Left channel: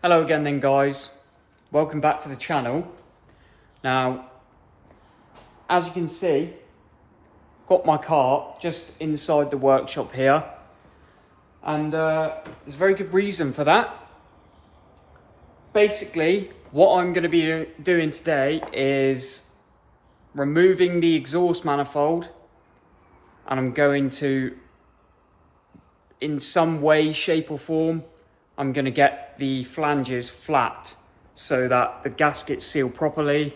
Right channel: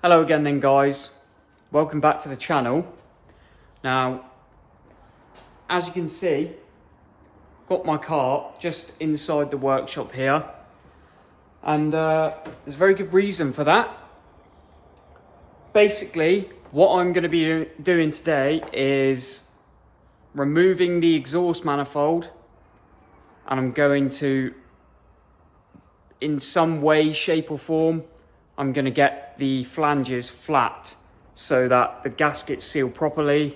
Hello again then guys, welcome back to the channel. Now, as you can see, got my car just inside the workshop here, and there's a very good reason for that. Basically, what I'm going to be doing today is removing the exhaust manifold, and I'm going to, in some way, shape or form, I'm going to get the flanges flat so that the gaskets seal properly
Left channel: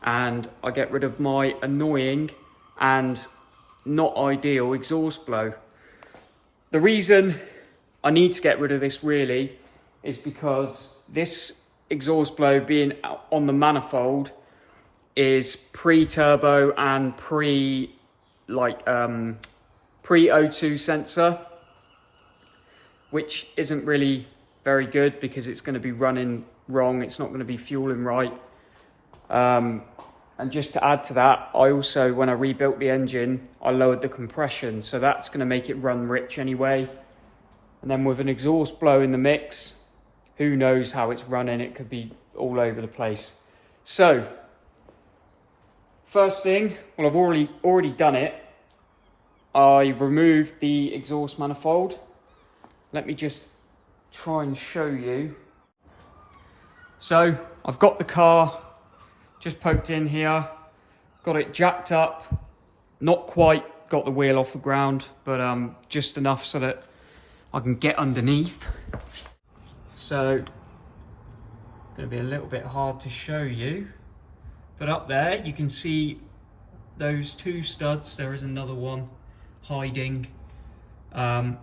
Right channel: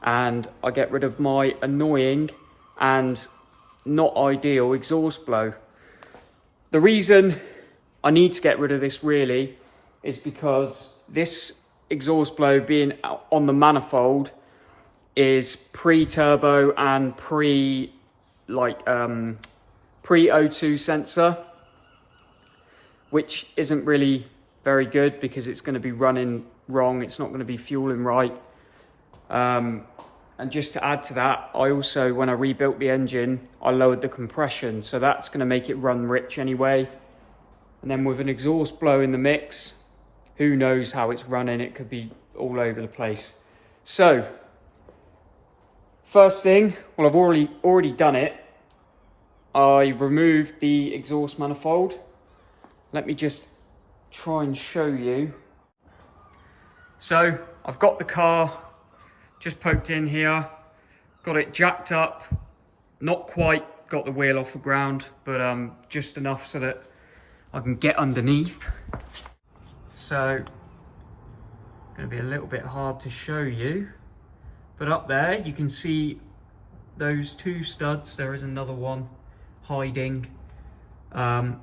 and I get rid of my annoying and not ideal exhaust blow. The reason I need to get rid of this really is because this exhaust blow being on the manifold is pre-turbo and pre-O2 sensor, which isn't really very good because it's going to be running wrong. It's not going to be fueling right. And just to add to that, I also, when I rebuilt the engine, I lowered the compression. So that's going to make it run rich anyway. And then with an exhaust blow in the mix, who knows how it's running. It could be all over the place. So first thing, well, I've already done it. I removed the exhaust manifold. Let me just try and show you. So I've got the car just poked in here, got it jacked up, not quite got the wheel off the ground, but just enough so that I can get underneath. So going to be a little bit hard to show you, but up there you can see those two studs. There is another one hiding, and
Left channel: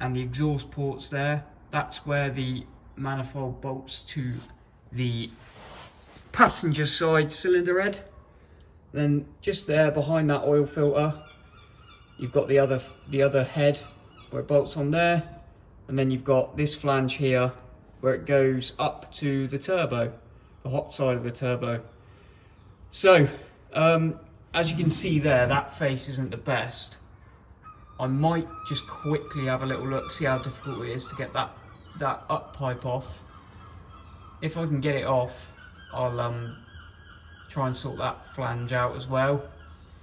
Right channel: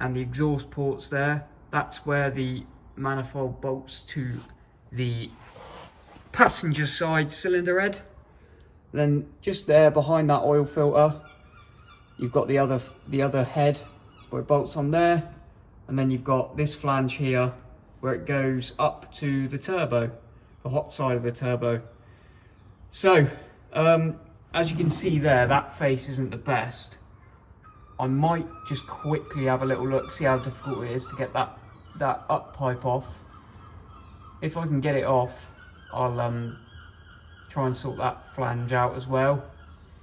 the exhaust ports there. That's where the manifold bolts to the passenger side cylinder head. Then just there behind that oil filter, you've got the other head where it bolts on there, and then you've got this flange here where it goes up to the turbo, the hot side of the turbo. So as you can see there, that face isn't the best. I might just quickly have a little look, see how difficult it is to get that up pipe off. If I can get it off, I'll try and sort that flange out as well.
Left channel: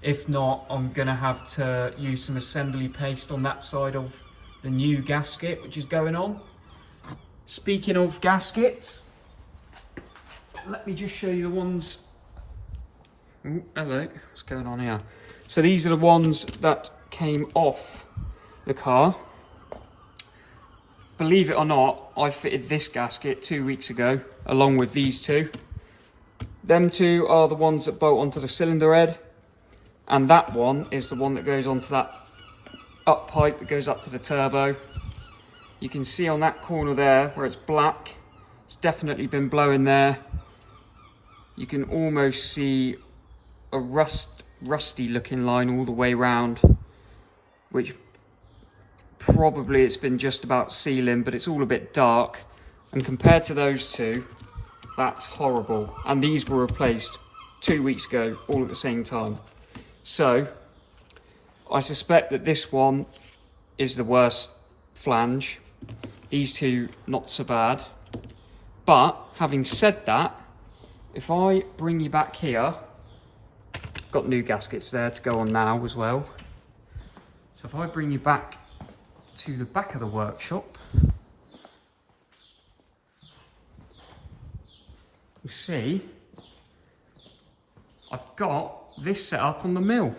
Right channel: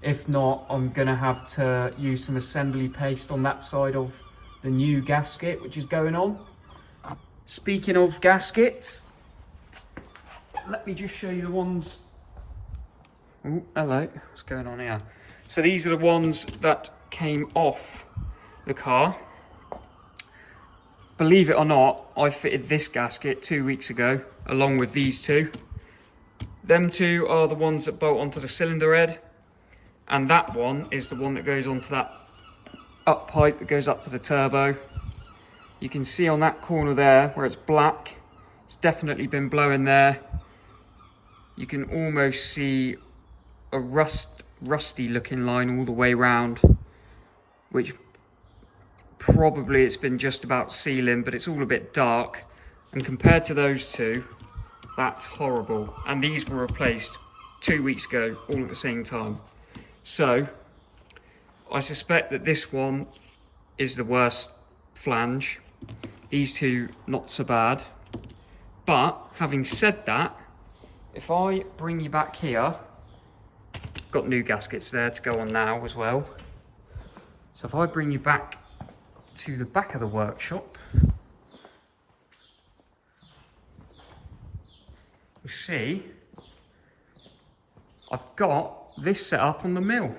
If not, I'm gonna have to use some assembly paste on that side of the new gasket which is going on. Speaking of gaskets, let me just show you the ones. Oh, hello, what's going on here? So these are the ones that came off the car. Believe it or not, I fitted this gasket 2 weeks ago along with these two. Them two are the ones that bolt onto the cylinder head, and that one is the one that goes onto that up pipe that goes up to the turbo. You can see on that corner there where it's black, it's definitely been blowing there. You can almost see a rusty looking line all the way around, which probably it's been just about sealing, but it's all a bit dark. And compared to those two, that's horrible. And these were replaced 2 weeks ago, all at the same time. So I suspect that this one is the worst flange. These two, not so bad. But having said that, if I bring you back here, got new gaskets there to go on now as well. So if I bring you back to the back of the workshop, you see I've got this set up on the mill,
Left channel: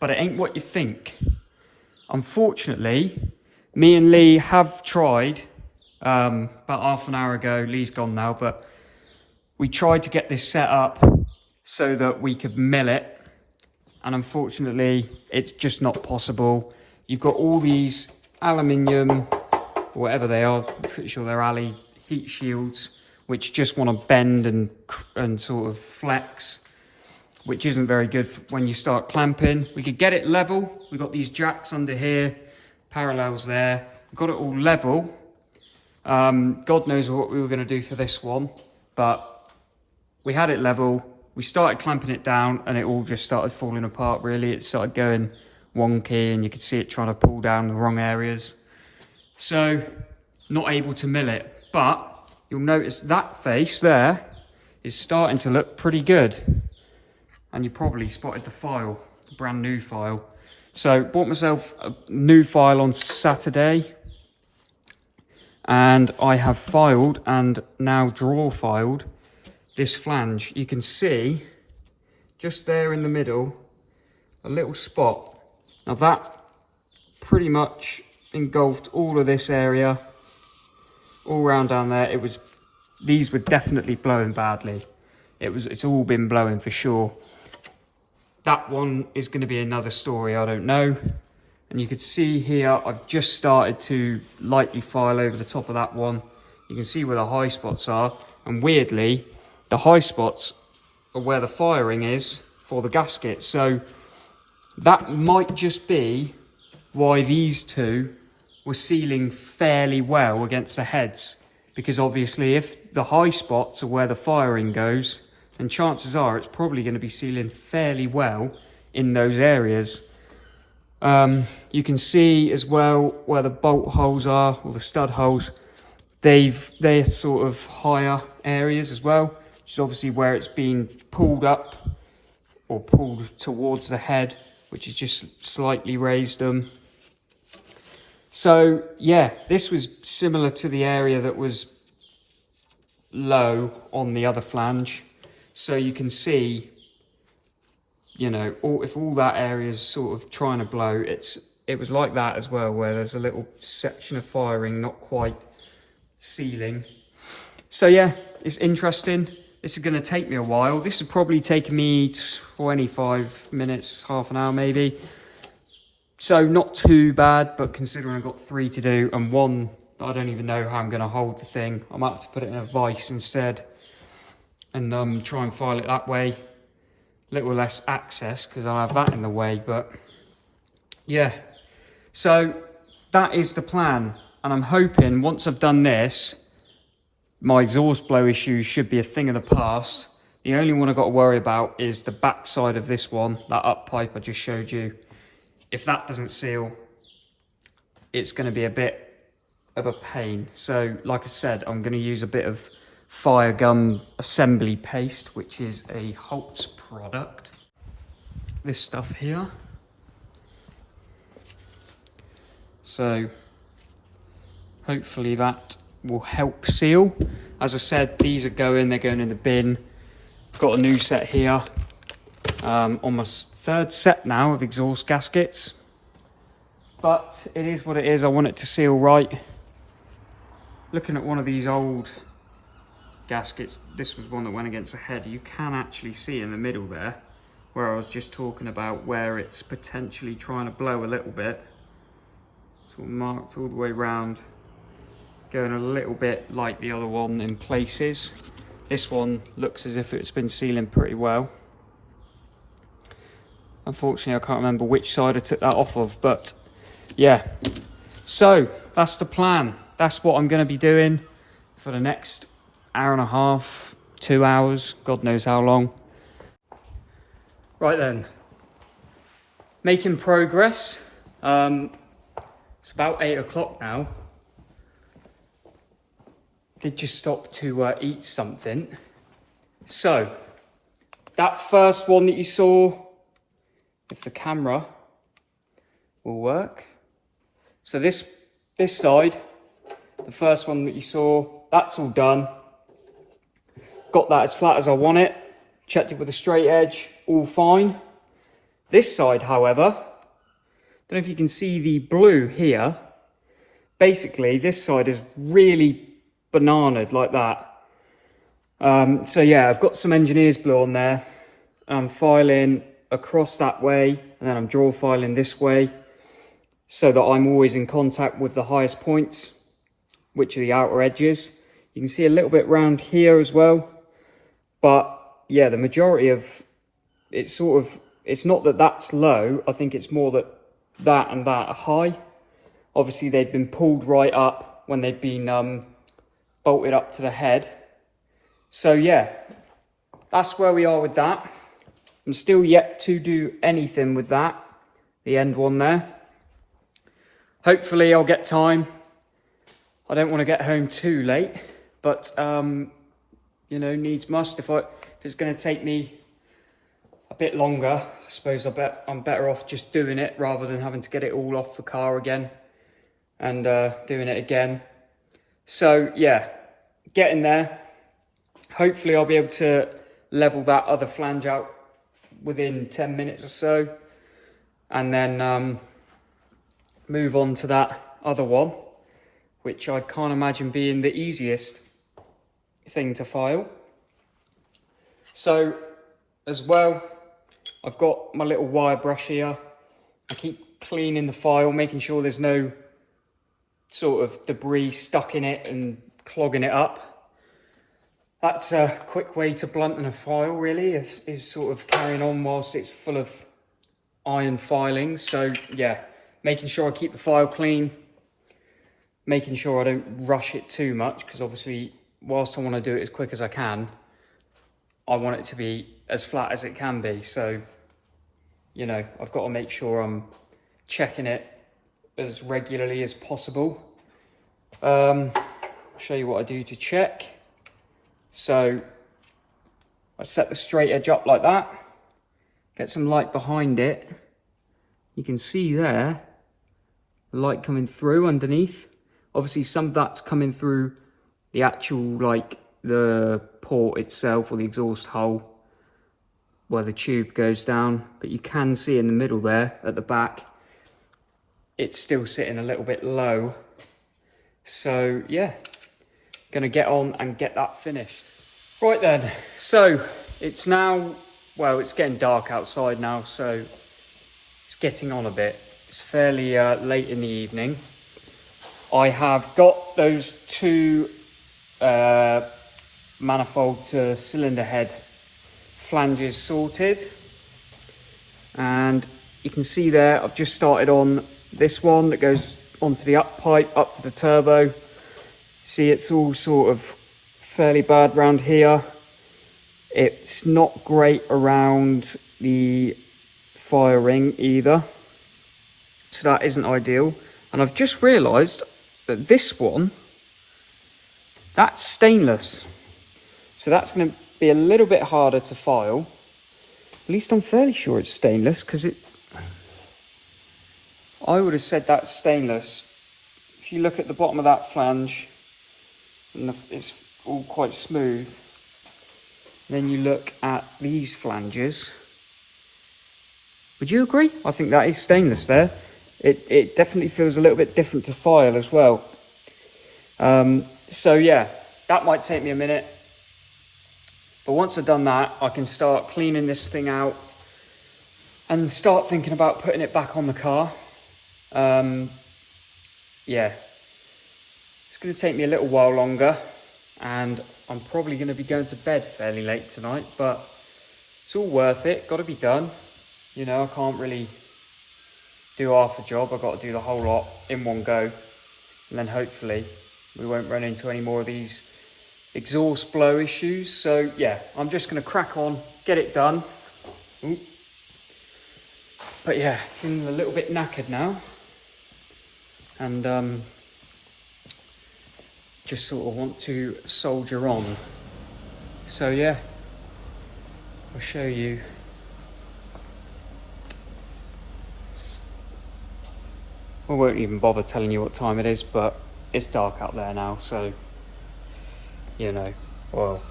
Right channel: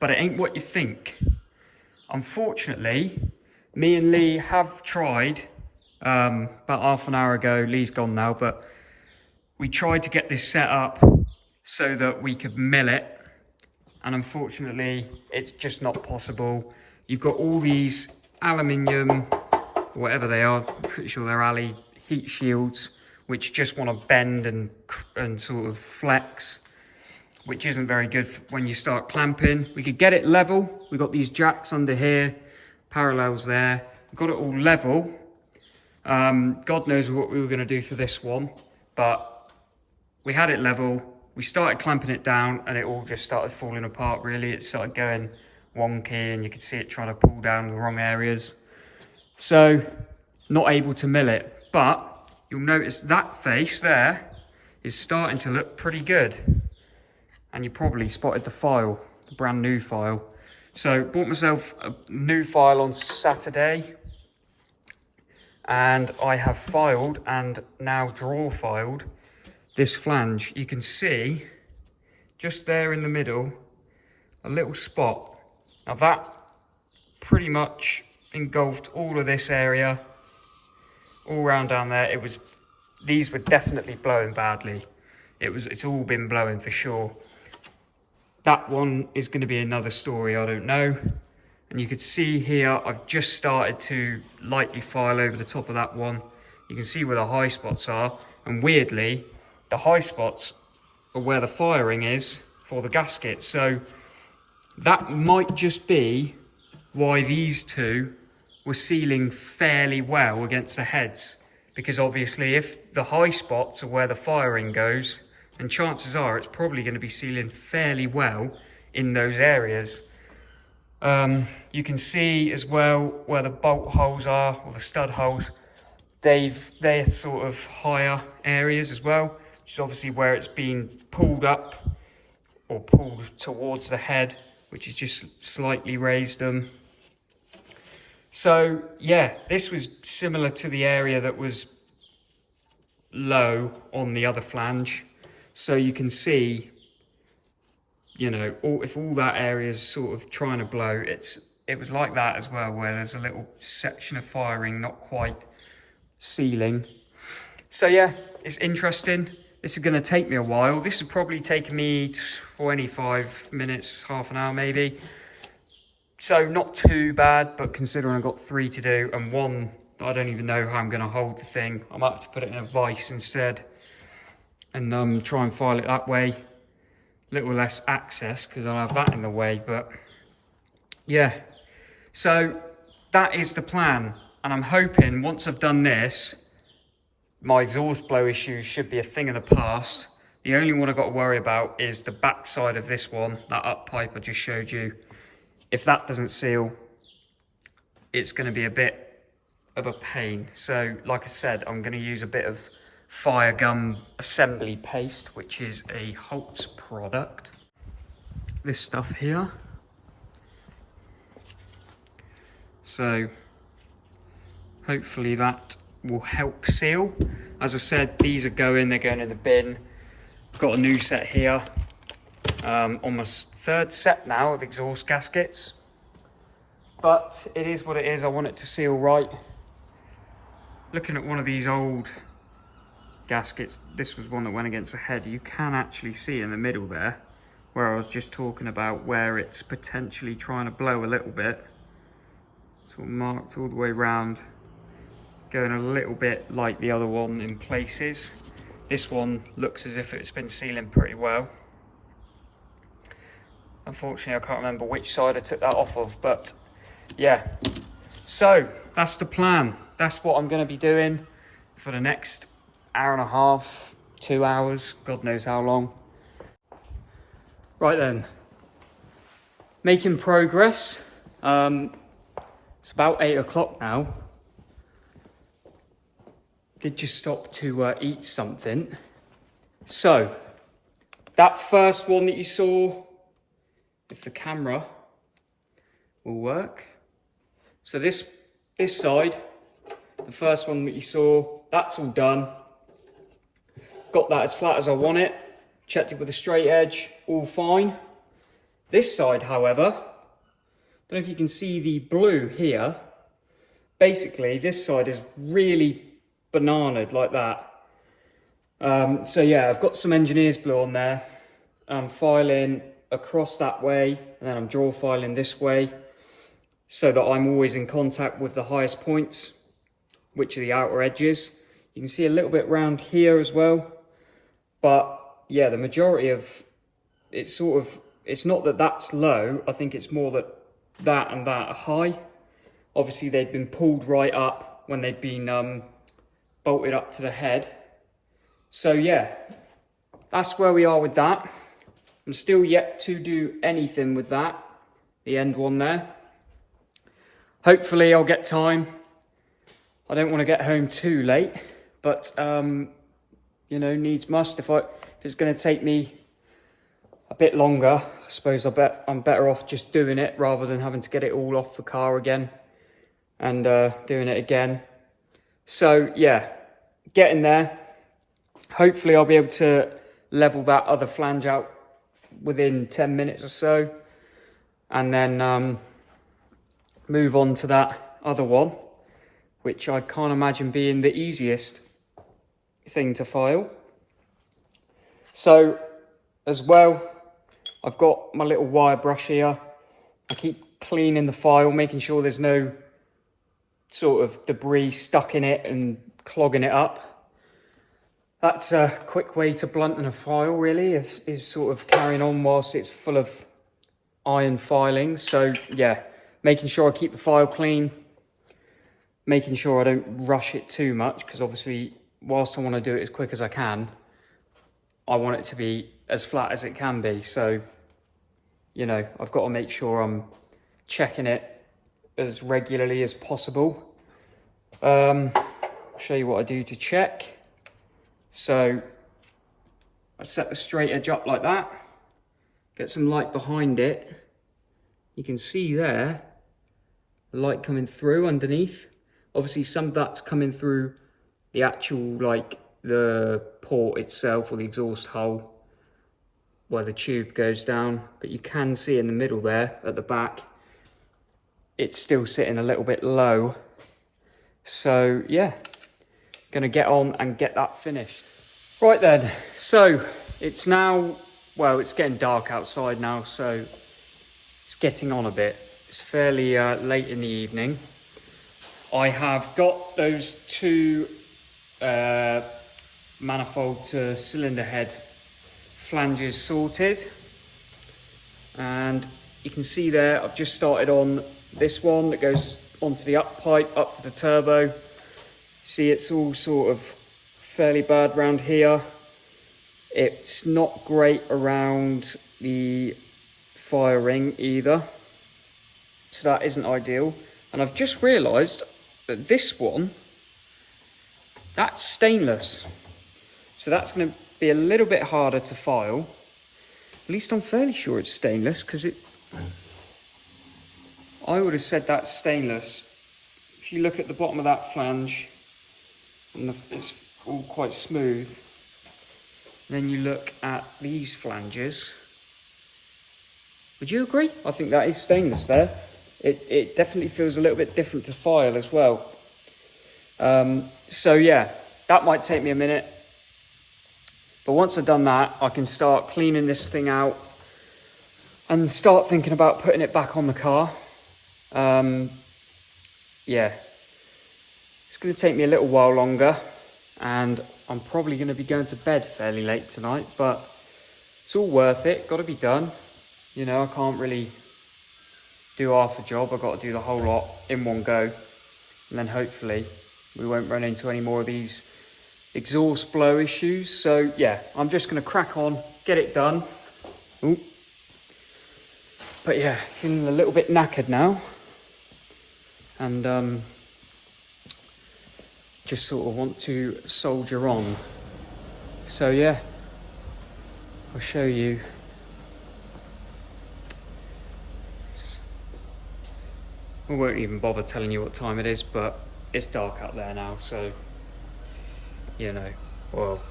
but it ain't what you think. Unfortunately, me and Lee have tried about half an hour ago. Lee's gone now, but we tried to get this set up so that we could mill it, and unfortunately it's just not possible. You've got all these aluminium, or whatever they are, I'm pretty sure they're alley heat shields, which just want to bend and sort of flex, which isn't very good when you start clamping. We could get it level. We've got these jacks under here, parallels there. We've got it all level. God knows what we were going to do for this one, but we had it level. We started clamping it down and it all just started falling apart really. It started going wonky and you could see it trying to pull down the wrong areas. So not able to mill it. But you'll notice that face there is starting to look pretty good. And you probably spotted the file, the brand new file. So bought myself a new file on Saturday. And I have filed and now draw filed this flange. You can see just there in the middle, a little spot. Now that pretty much engulfed all of this area, all around down there. These were definitely blowing badly. It's all been blowing for sure. That one is going to be another story, I don't know. And you can see here, I've just started to lightly file over the top of that one. You can see where the high spots are. And weirdly, the high spots are where the firing is for the gasket. So that might just be why these two were sealing fairly well against the heads. Because obviously if the high spots are where the firing goes, then chances are it's probably going to be sealing fairly well in those areas. You can see as well where the bolt holes are, or the stud holes. They're sort of higher areas as well, which is obviously where it's been pulled up or pulled towards the head, which is just slightly raised them. So yeah, this was similar to the area that was low on the other flange. So you can see, you know, if all that area is sort of trying to blow, it was like that as well, where there's a little section of firing not quite sealing. So yeah, it's interesting. This is going to take me a while. This will probably take me 25 minutes, half an hour maybe. So not too bad, but considering I've got 3 to do and one that I don't even know how I'm going to hold the thing, I might have to put it in a vise instead and try and file it that way. Little less access because I'll have that in the way, but yeah. So that is the plan, and I'm hoping once I've done this, my exhaust blow issues should be a thing of the past. The only one I've got to worry about is the back side of this one, that up pipe I just showed you. If that doesn't seal, it's going to be a bit of a pain. So like I said, I'm going to use a bit of fire gum assembly paste, which is a Holt's product. This stuff here. So hopefully that will help seal. As I said, these are they're going in the bin. Got a new set here. On my 3rd set now of exhaust gaskets. But it is what it is. I want it to seal right. Looking at one of these old gaskets, this was one that went against the head. You can actually see in the middle there, where I was just talking about where it's potentially trying to blow a little bit. Sort of marked all the way around, going a little bit like the other one in places. This one looks as if it's been sealing pretty well. Unfortunately, I can't remember which side I took that off of, but yeah. So that's the plan. That's what I'm going to be doing for the next hour and a half, 2 hours, God knows how long. Right then, making progress. It's about 8 o'clock now. Did just stop to eat something. So that first one that you saw, if the camera will work. So this side, the first one that you saw, that's all done. Got that as flat as I want it. Checked it with a straight edge, all fine. This side, however, don't know if you can see the blue here. Basically, this side is really bananaed like that. So yeah, I've got some engineer's blue on there. I'm filing across that way, and then I'm draw filing this way, so that I'm always in contact with the highest points, which are the outer edges. You can see a little bit round here as well. But yeah, the majority of it's not that that's low. I think it's more that and that are high. Obviously, they've been pulled right up when they've been bolted up to the head. So yeah, that's where we are with that. I'm still yet to do anything with that, the end one there. Hopefully I'll get time. I don't want to get home too late, but you know, needs must. If it's going to take me a bit longer, I suppose I'm better off just doing it rather than having to get it all off the car again and doing it again. So yeah, getting there. Hopefully I'll be able to level that other flange out within 10 minutes or so, and then move on to that other one, which I can't imagine being the easiest thing to file. So as well, I've got my little wire brush here. I keep cleaning the file, making sure there's no sort of debris stuck in it and clogging it up. That's a quick way to blunten a file, really, is sort of carrying on whilst it's full of iron filings. So yeah, making sure I keep the file clean, making sure I don't rush it too much, because obviously whilst I want to do it as quick as I can, I want it to be as flat as it can be. So, you know, I've got to make sure I'm checking it as regularly as possible. I'll show you what I do to check. So I set the straight edge up like that, get some light behind it. You can see there, the light coming through underneath. Obviously some of that's coming through the actual, like the port itself or the exhaust hole where the tube goes down, but you can see in the middle there at the back, it's still sitting a little bit low. So yeah, gonna get on and get that finished. Right then, so it's now, well, it's getting dark outside now, so it's getting on a bit. It's fairly late in the evening. I have got those two manifold to cylinder head flanges sorted, and you can see there I've just started on this one that goes onto the up pipe up to the turbo. See, it's all sort of fairly bad round here. It's not great around the fire ring either, so that isn't ideal. And I've just realized that this one, that's stainless, so that's going to be a little bit harder to file. At least I'm fairly sure it's stainless, because I would have said that's stainless. If you look at the bottom of that flange, and it's all quite smooth, then you look at these flanges, would you agree? I think that is stainless there. It definitely feels a little bit different to file as well. So yeah, that might take me a minute. But once I've done that, I can start cleaning this thing out and start thinking about putting it back on the car. Yeah, it's going to take me a little while longer, and I'm probably going to be going to bed fairly late tonight, but it's all worth it. Got to be done. You know, I can't really do half a job. I've got to do the whole lot in one go, and then hopefully we won't run into any more of these exhaust blow issues. So yeah, I'm just going to crack on, get it done. Ooh. But yeah, feeling a little bit knackered now, and just sort of want to soldier on. So yeah, I'll show you. I won't even bother telling you what time it is, but it's dark out there now, so you know, well,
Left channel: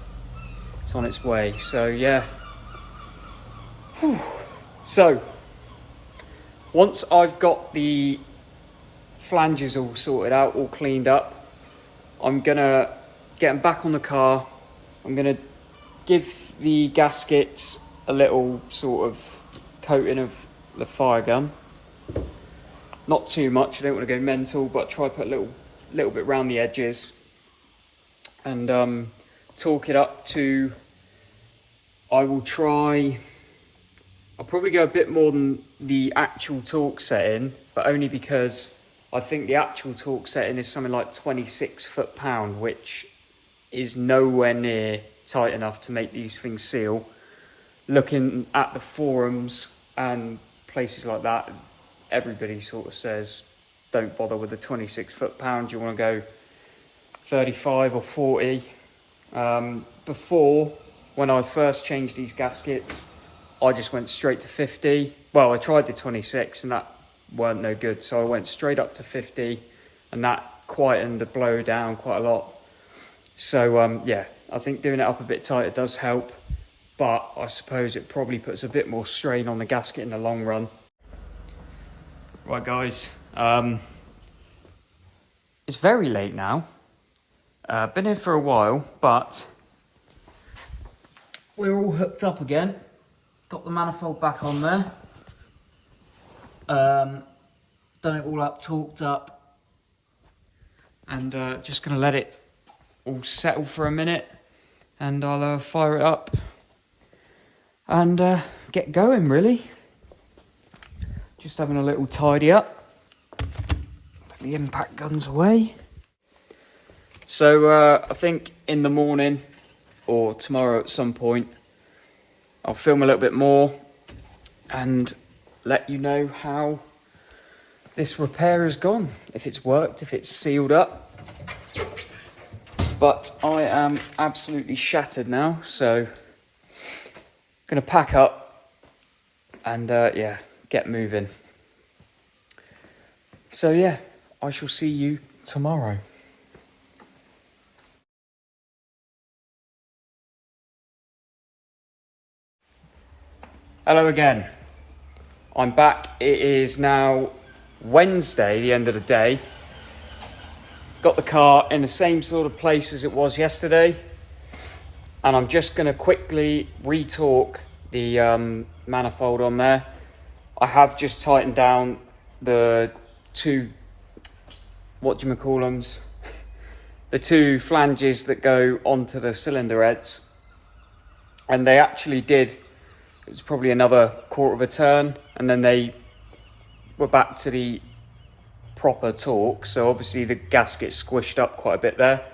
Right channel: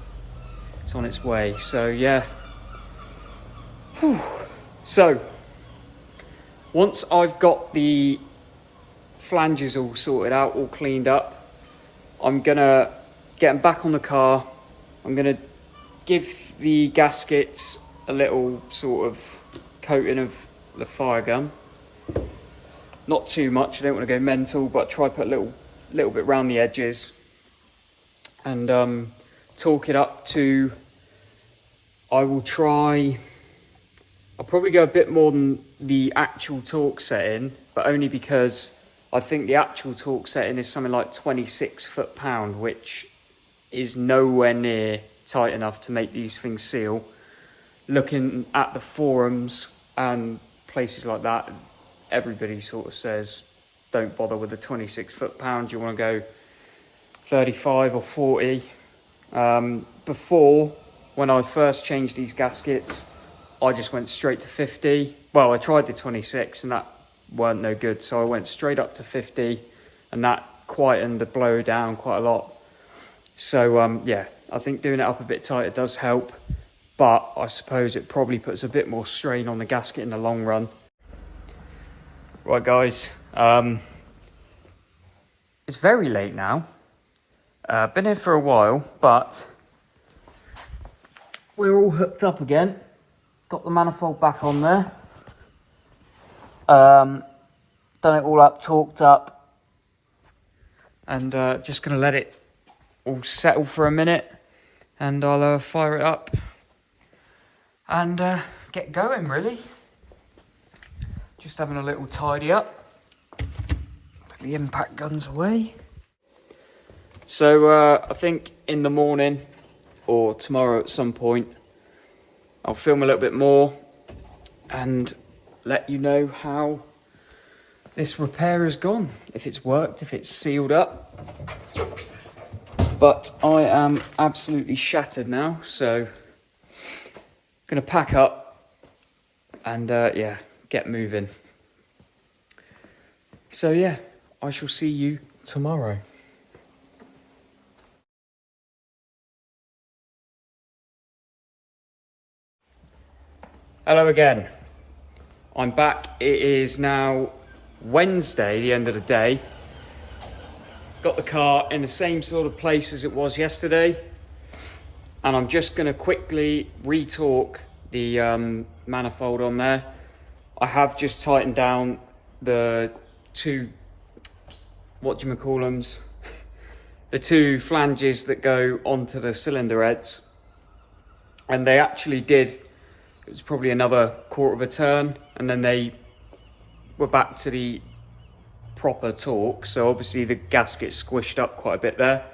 it's on its way. So yeah. Whew. So once I've got the flanges all sorted out, all cleaned up, I'm gonna get them back on the car. I'm gonna give the gaskets a little sort of coating of the fire gun. Not too much, I don't want to go mental, but try to put a little bit around the edges, and torque it up to, I'll probably go a bit more than the actual torque setting, but only because I think the actual torque setting is something like 26 foot-pound, which is nowhere near tight enough to make these things seal. Looking at the forums and places like that, everybody sort of says don't bother with the 26 foot-pound. You want to go 35 or 40. Before, when I first changed these gaskets, I just went straight to 50. Well, I tried the 26 and that weren't no good, so I went straight up to 50, and that quietened the blow down quite a lot. So yeah, I think doing it up a bit tighter does help, but I suppose it probably puts a bit more strain on the gasket in the long run. Right guys, it's very late now. Been here for a while, but we're all hooked up again. Got the manifold back on there. Done it all up, torqued up, and just gonna let it all settle for a minute, and I'll fire it up and get going really. Just having a little tidy up. Put the impact guns away. So I think in the morning or tomorrow at some point, I'll film a little bit more and let you know how this repair has gone. If it's worked, if it's sealed up. But I am absolutely shattered now, so gonna pack up and yeah, get moving. So yeah, I shall see you tomorrow. Hello again. I'm back. It is now Wednesday, the end of the day. Got the car in the same sort of place as it was yesterday, and I'm just going to quickly re-torque the manifold on there. I have just tightened down the two, the two flanges that go onto the cylinder heads, and they actually did. It was probably another quarter of a turn, and then they were back to the proper torque. So obviously the gasket squished up quite a bit there.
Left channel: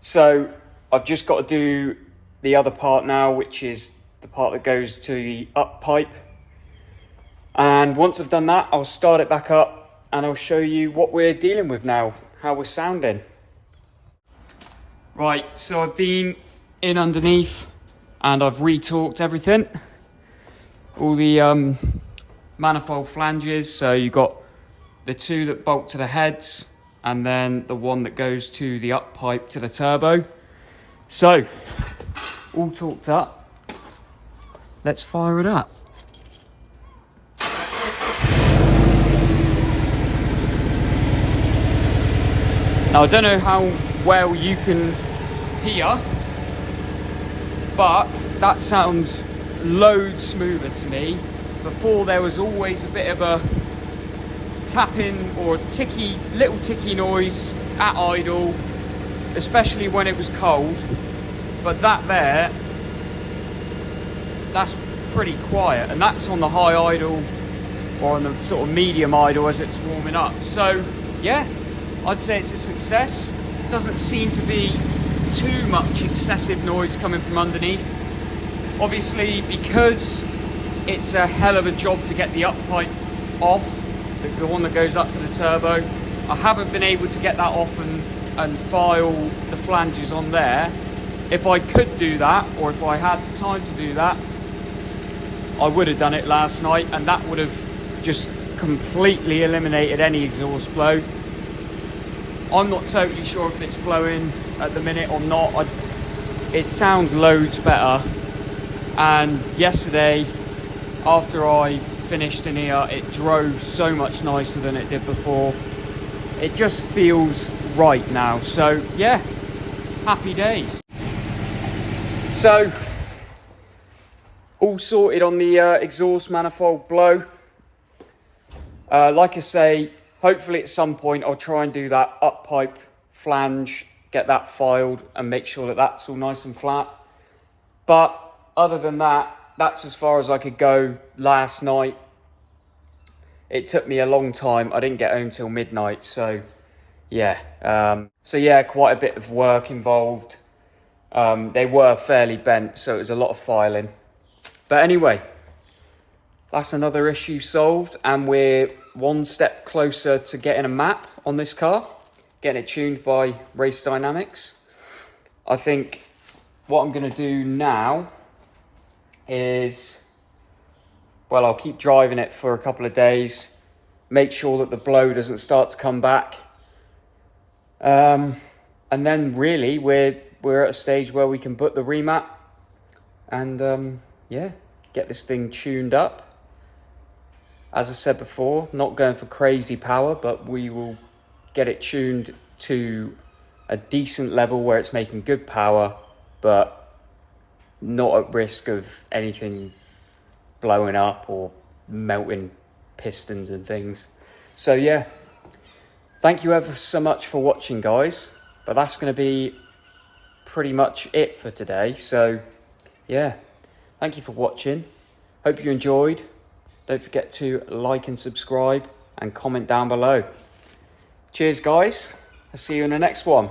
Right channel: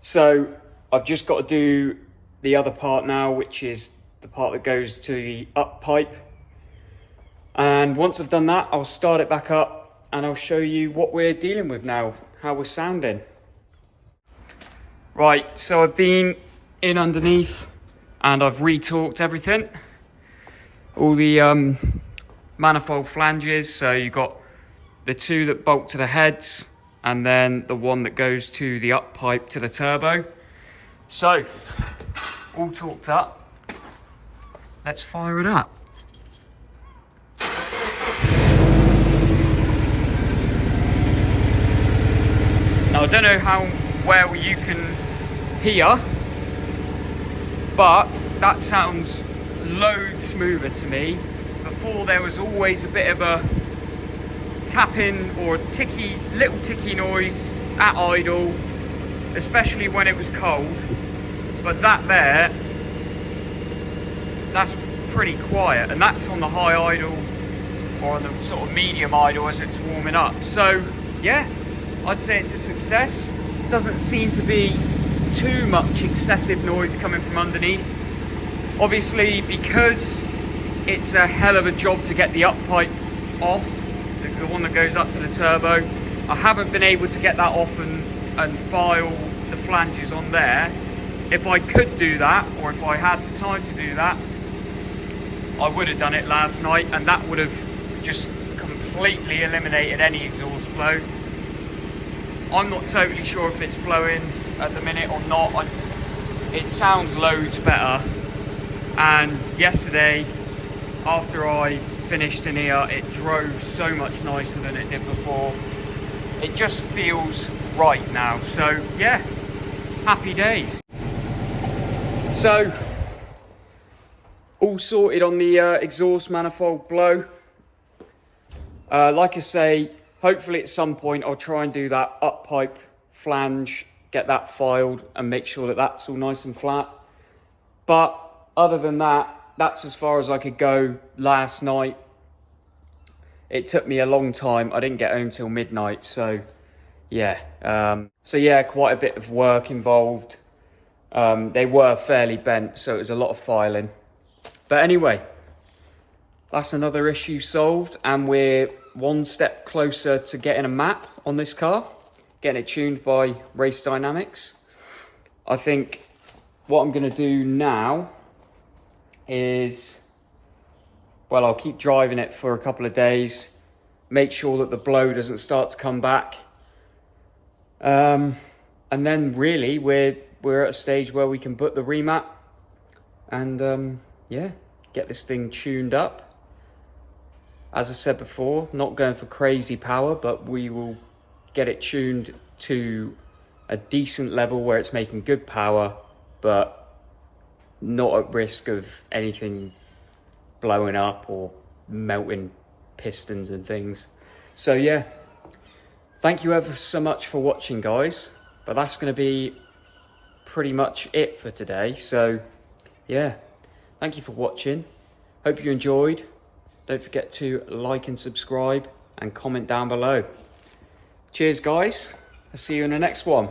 So I've just got to do the other part now, which is the part that goes to the up pipe. And once I've done that, I'll start it back up and I'll show you what we're dealing with now, how we're sounding. Right, so I've been in underneath and I've re-torqued everything. All the manifold flanges, so you've got the two that bolt to the heads and then the one that goes to the up pipe to the turbo. So, all torqued up. Let's fire it up. Now, I don't know how well you can hear, but that sounds loads smoother to me. Before there was always a bit of a tapping or a little ticky noise at idle, especially when it was cold. But that there, that's pretty quiet, and that's on the high idle or on the sort of medium idle as it's warming up. So yeah, I'd say it's a success. Doesn't seem to be too much excessive noise coming from underneath. Obviously, because it's a hell of a job to get the up pipe off, the one that goes up to the turbo, I haven't been able to get that off and file the flanges on there. If I could do that, or if I had the time to do that, I would have done it last night, and that would have just completely eliminated any exhaust flow. I'm not totally sure if it's blowing at the minute or not. It sounds loads better. And yesterday, after I finished in here, it drove so much nicer than it did before. It just feels right now. So yeah, happy days. So, all sorted on the exhaust manifold blow. Like I say, hopefully at some point I'll try and do that up pipe flange, get that filed and make sure that that's all nice and flat. But other than that, that's as far as I could go last night. It took me a long time. I didn't get home till midnight. So yeah, quite a bit of work involved. They were fairly bent, so it was a lot of filing. But anyway, that's another issue solved, and we're one step closer to getting a map on this car, getting it tuned by Race Dynamics. I think what I'm going to do now is, well, I'll keep driving it for a couple of days, make sure that the blow doesn't start to come back. And then really we're at a stage where we can put the remat and yeah, get this thing tuned up. As I said before, not going for crazy power, but we will get it tuned to a decent level where it's making good power, but not at risk of anything blowing up or melting pistons and things. So yeah, thank you ever so much for watching, guys, but that's going to be pretty much it for today. So yeah, thank you for watching. Hope you enjoyed. Don't forget to like and subscribe and comment down below. Cheers, guys. I'll see you in the next one.